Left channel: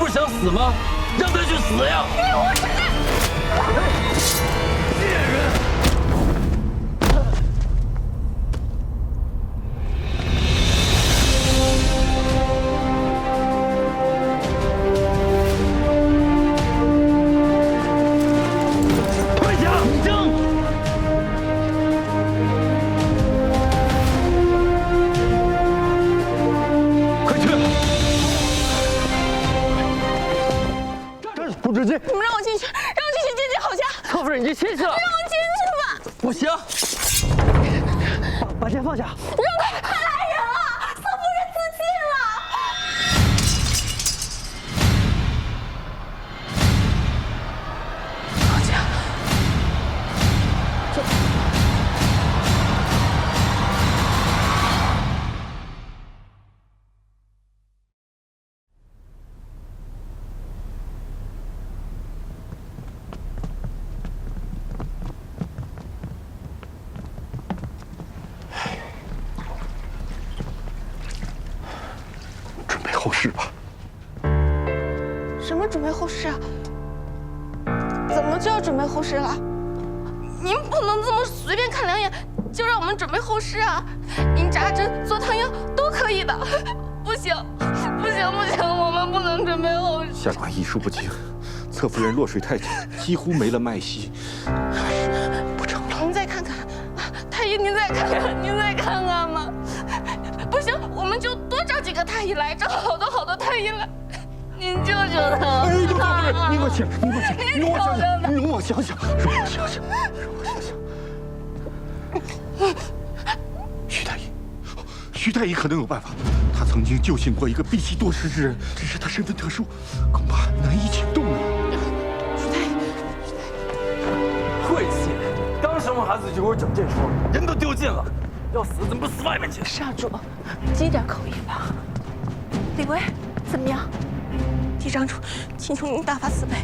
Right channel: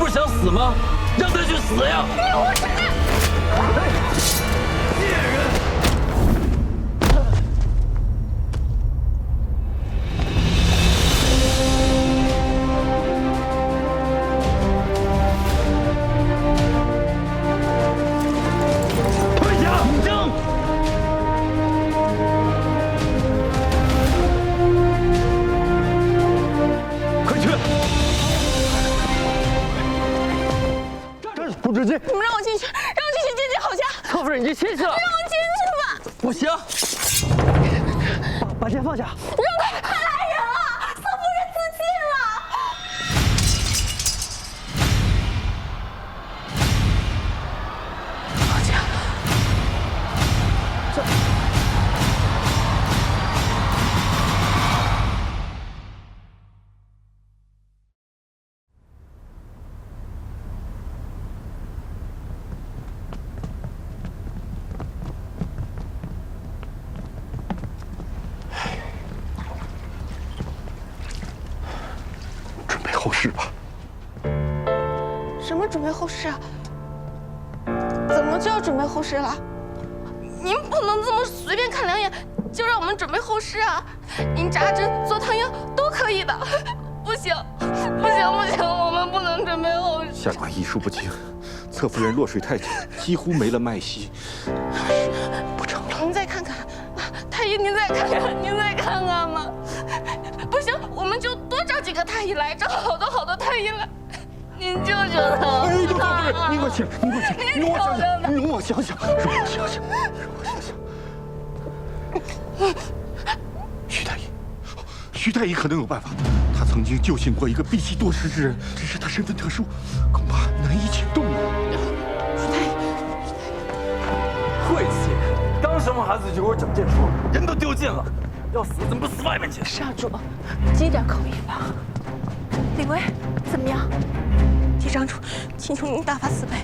不是想死吗？让他去死呀！你无耻！贱人！ 不准进！你们让我进去，让我进去见见郝家。侧夫人，你就进去了。让我进去吧。不行，把剑放下。让他太来人了，侧夫人自尽了。郝家，这。 后事吧。什么准备后事啊？怎么就要准备后事了？您不能这么随便看两眼就让我们准备后事啊！您扎针、做汤药都可以的。不行，不行，不行，我们不能准备后事。下官医术不精，侧夫人落水太久，几乎没了脉息，还是不成了。您再看看，太医，您再看看，您再看看嘛。 不行，我们就多找几个太医来，找好多太医来。您救救他！哎，侧夫人，您给我请，您给我请，您容我想想，容我想想，容我想想，容我想想。徐太医，徐太医可能有办法。他曾经救醒过一个闭气多时之人，只是他身份特殊，恐怕难以请动啊。徐太医，晦气！刚生完孩子就给我整这出，人都丢尽了。 要死怎么不死外面去？少主，积点口意吧。李维，怎么样？嫡长主，请求您大发慈悲，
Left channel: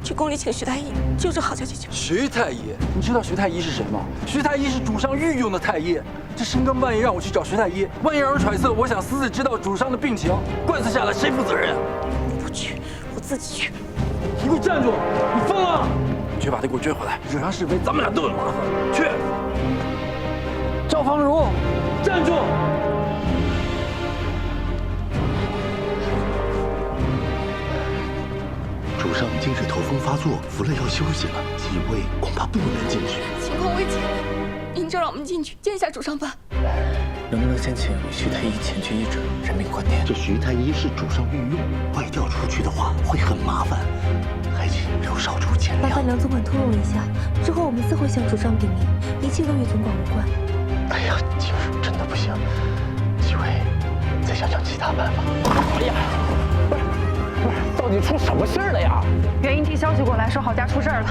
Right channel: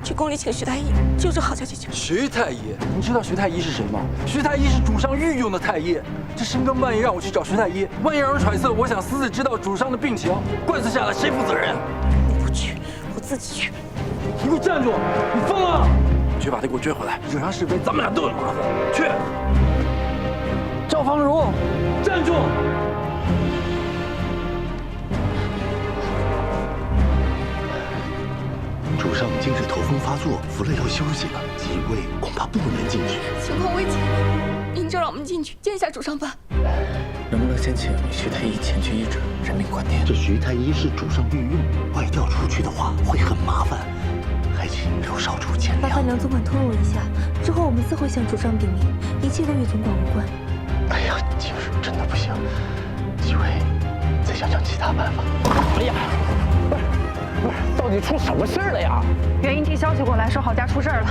去宫里请徐太医救治郝家姐姐。徐太医，你知道徐太医是谁吗？徐太医是主上御用的太医。这深更半夜让我去找徐太医，万一让人揣测我想私自知道主上的病情，官司下来谁负责任啊？你不去，我自己去。你给我站住！你疯了！你去把他给我追回来，惹上是非，咱们俩都有麻烦。去！ 赵芳如，站住！主上今日头风发作，服了药休息了，几位恐怕不能进去。情况危急，您就让我们进去见一下主上吧。能不能先请徐太医前去医治，人命关天？这徐太医是主上御用，外调出去的话会很麻烦，还请刘少主见谅。麻烦梁总管通融一下，之后我们自会向主上禀明，一切都与总管无关。哎呀，就是真的不行，几位再想想其他办法。哎呀，不是，到底出什么事儿了呀？元英听消息过来，说郝家出事儿了，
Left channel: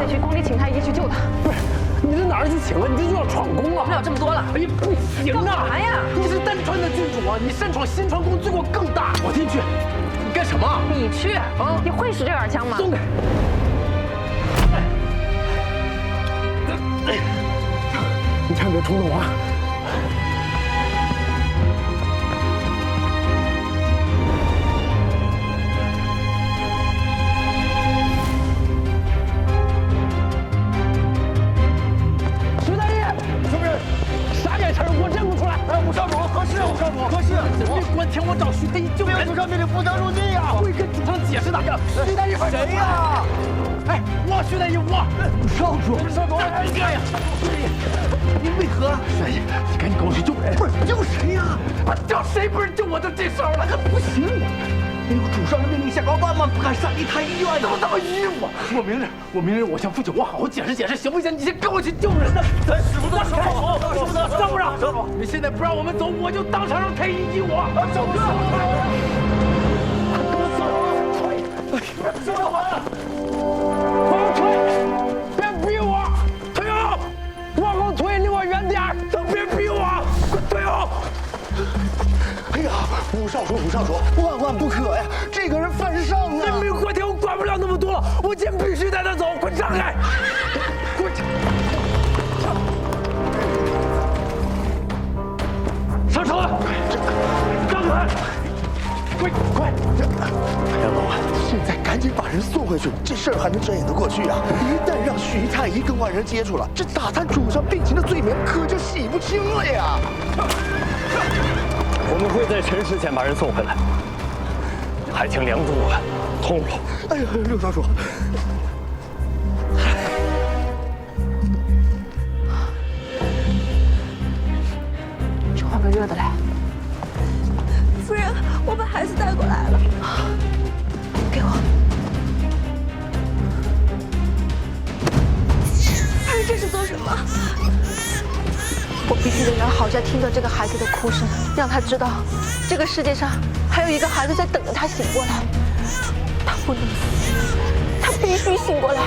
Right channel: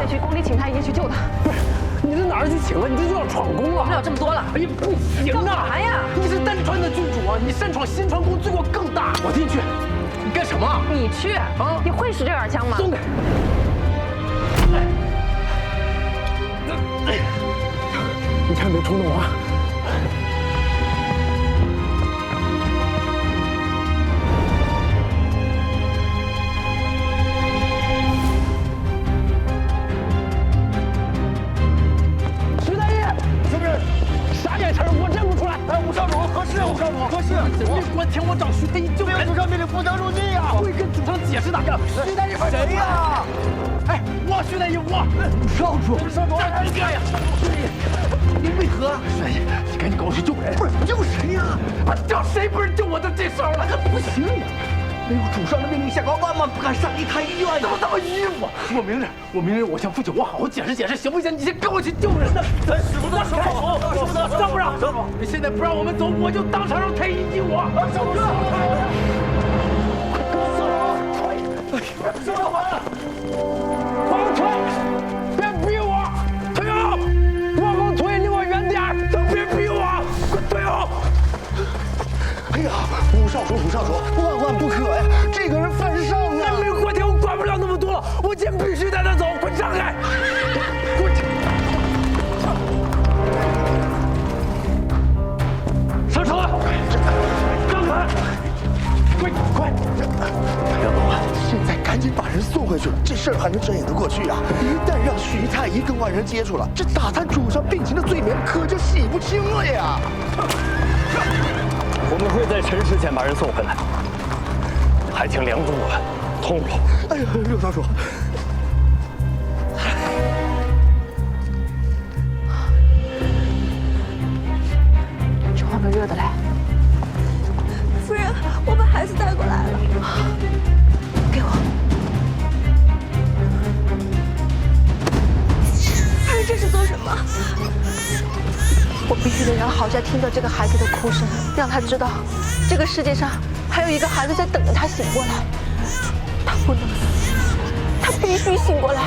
得去宫里请太医去救他。不是，你这哪儿去请啊？你这就要闯宫啊！管不了这么多了。哎呀，不行啊！干嘛呀？你是丹川的郡主啊，你擅闯新川宫，罪过更大。我进去，你干什么？你去啊？你会使这杆枪吗？松开！你千万别冲动啊！ 啥眼神？我认不出来。哎，武少主，何事啊？武少主，何事？人命关天，我找徐太医救人。主上命令不得入内呀！会跟主上解释的。徐太医，谁呀？哎，我徐太医，我武少主，少主，哎呀，你为何？徐太医，你赶紧跟我去救人。不是救谁呀？叫谁不是救我就这手了？那不行啊！没有主上的命令下，高万万不敢擅离太医院。怎么这么迂腐？我明日我向父亲我好好解释解释，行不行？你先跟我去救人呢。咱使不得手，使不得，让不让？你现在不让我们走，我就当场让太医医我。走哥，快跟我走啊！快，收回来！往后退，别逼我！退后！往后退，离我远点儿！都别逼我！快退后！哎呀，武少主，万万不可呀！这个人犯上啊！人命关天，我管不了那么多了，我今天必须带他走！快让开！给我上车！让开！快！杨总啊，现在赶紧把人送回去，这事儿还能睁眼得过去啊！一旦让徐太医跟外人接触了，这打探主上病情的罪名可就洗不清了呀！我们会在辰时前把人送回来，还请梁主管通融。哎呀，六少主，去换个热的来。夫人，我把孩子带过来了，给我。夫人这是做什么？我必须得让郝家听到这个孩子的哭声，让他知道，这个世界上还有一个孩子在等着他醒过来。他不能死，他必须醒过来。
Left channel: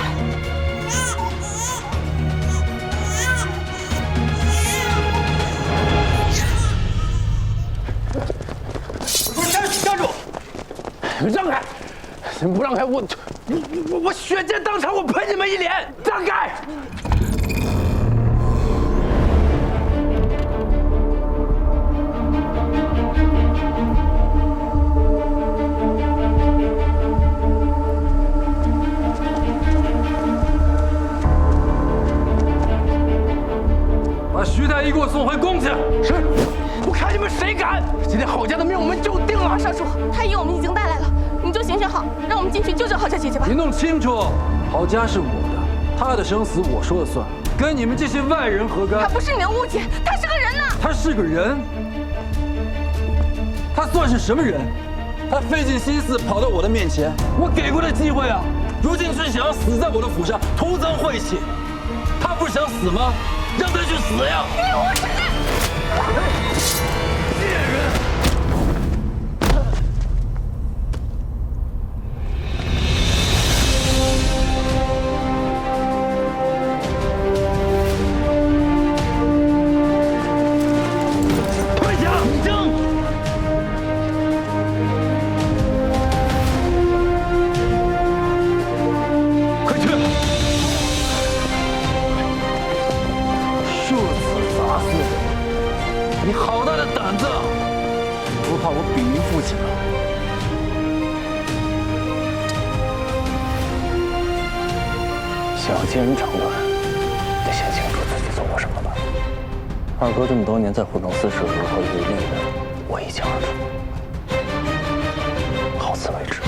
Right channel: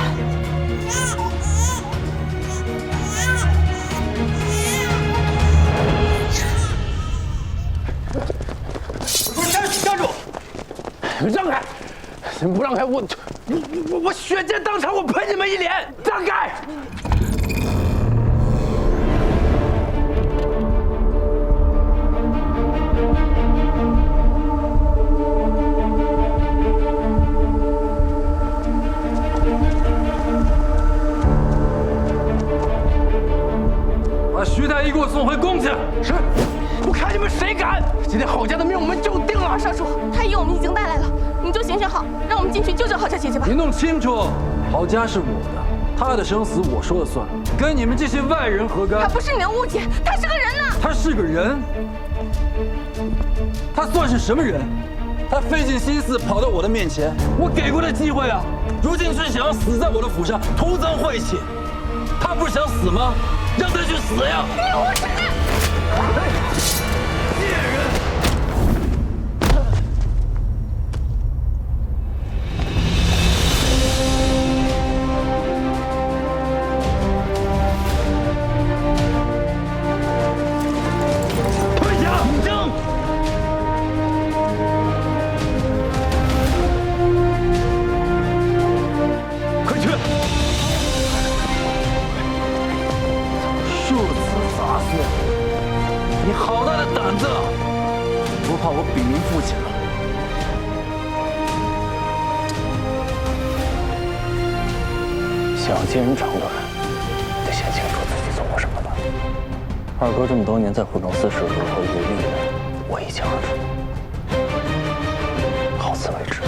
不是家主，让开！不让开我血溅当场，我喷你们一脸！让开！把徐太医给我送回宫去。是，我看你们谁敢！今天郝家的命我们就定了。少主，太医我们已经带来了，你就行选好，让我们进去救郝家姐姐吧。你弄清楚，郝家是我的，他的生死我说了算，跟你们这些外人何干？他不是你的误解，他是个人呐。他是个人？他算是什么人？他费尽心思跑到我的面前，我给过他机会啊，如今却想要死在我的府上，徒增晦气。他不是想死吗？让他去死呀！你无耻！贱人！退下！争！快去！数次砸碎，你好大的胆子！不怕我禀明父亲了？想要接人长短，得先清楚自己做过什么吧。二哥这么多年在湖中司是如何渔利的，我一清二楚。好自为之。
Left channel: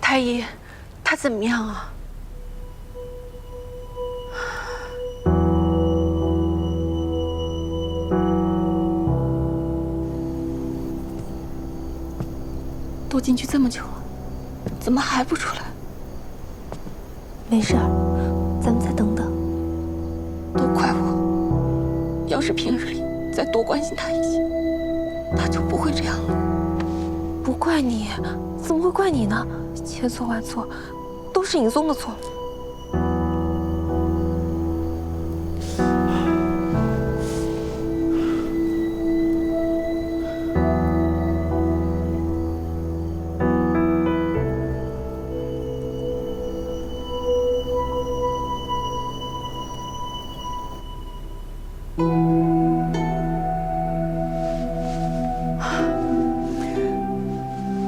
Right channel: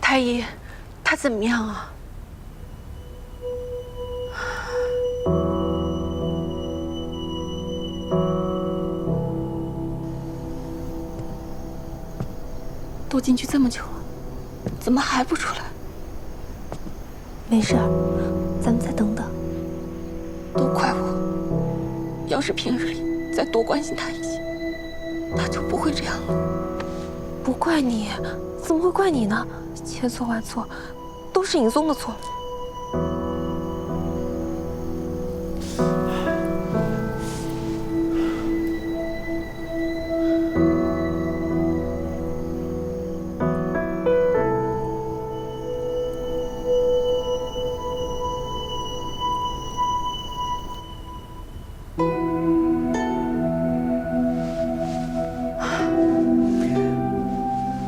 太医，他怎么样啊？都进去这么久了，怎么还不出来？没事儿，咱们再等等。都怪我，要是平日里再多关心他一些，他就不会这样了。不怪你，怎么会怪你呢？千错万错，都是尹松的错。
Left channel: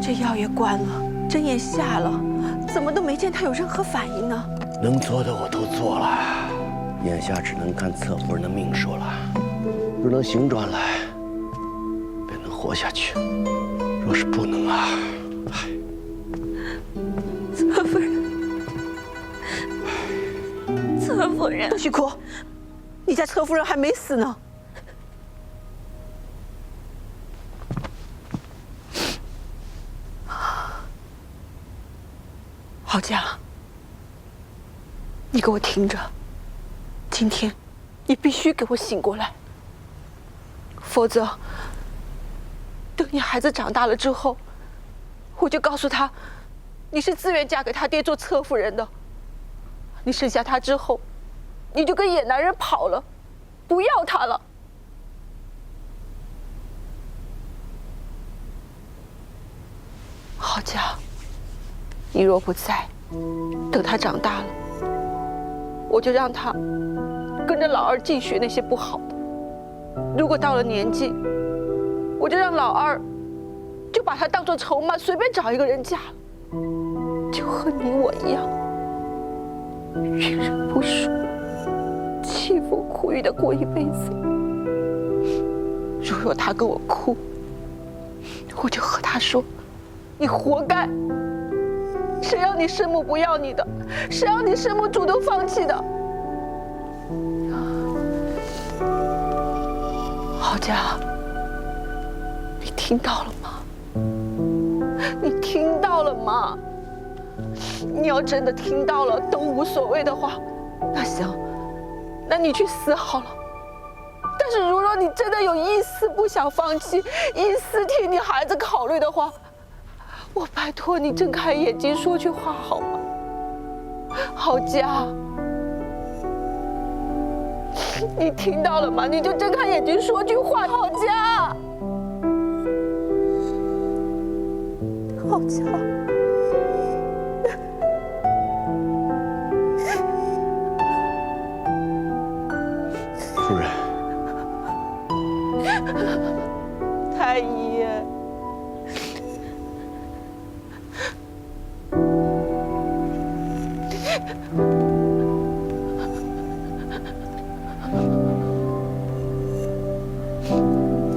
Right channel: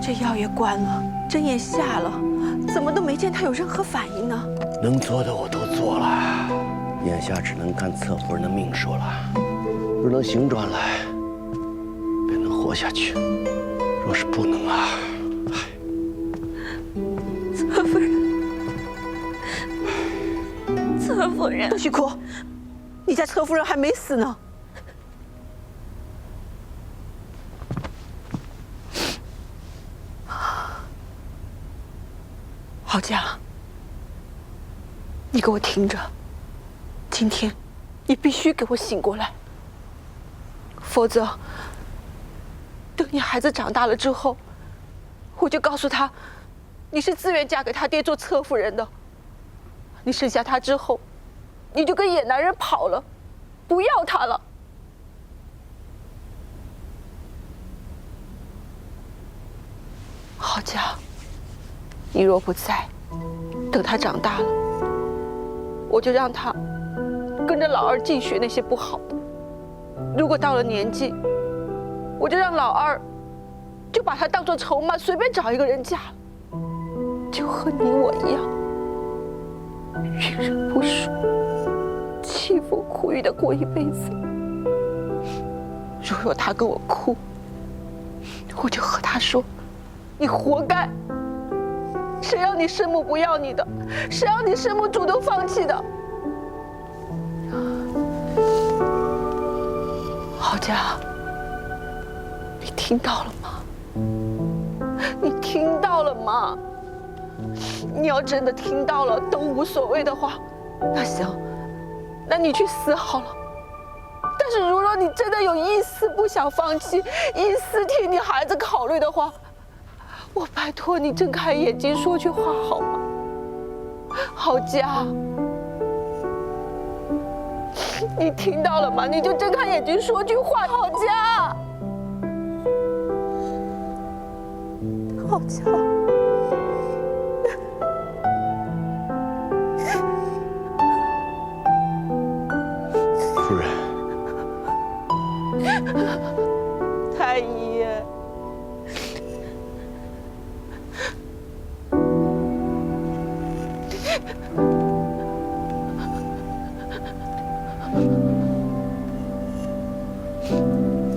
这药也灌了，针也下了，怎么都没见他有任何反应呢？能做的我都做了，眼下只能看侧夫人的命数了。若能醒转来，便能活下去；若是不能啊，侧夫人，侧夫人，邓旭哭，你家侧夫人还没死呢。郝家，你给我听着，今天你必须给我醒过来，否则等你孩子长大了之后，我就告诉他，你是自愿嫁给他爹做侧夫人的。你生下他之后，你就跟野男人跑了，不要他了。郝家，你若不在，等他长大了，我就让他跟着老二净学那些不好的。如果到了年纪，我就让老二就把他当作筹码，随便找一个人嫁了，就和你我一样，遇人不淑，凄风苦雨的过一辈子。如若他跟我哭，我就和他说：“你活该！谁让你生母不要你的？谁让你生母主动放弃的？”郝家，你听到了吗？你听到了吗？你要真的听到了都无所谓的话，那行，那你去死好了。但是如若你真的有一丝不想放弃，一丝替你孩子考虑的话，我拜托你睁开眼睛说句话好吗？郝家，你听到了吗？你就睁开眼睛说句话，郝家，郝家。夫人，太医。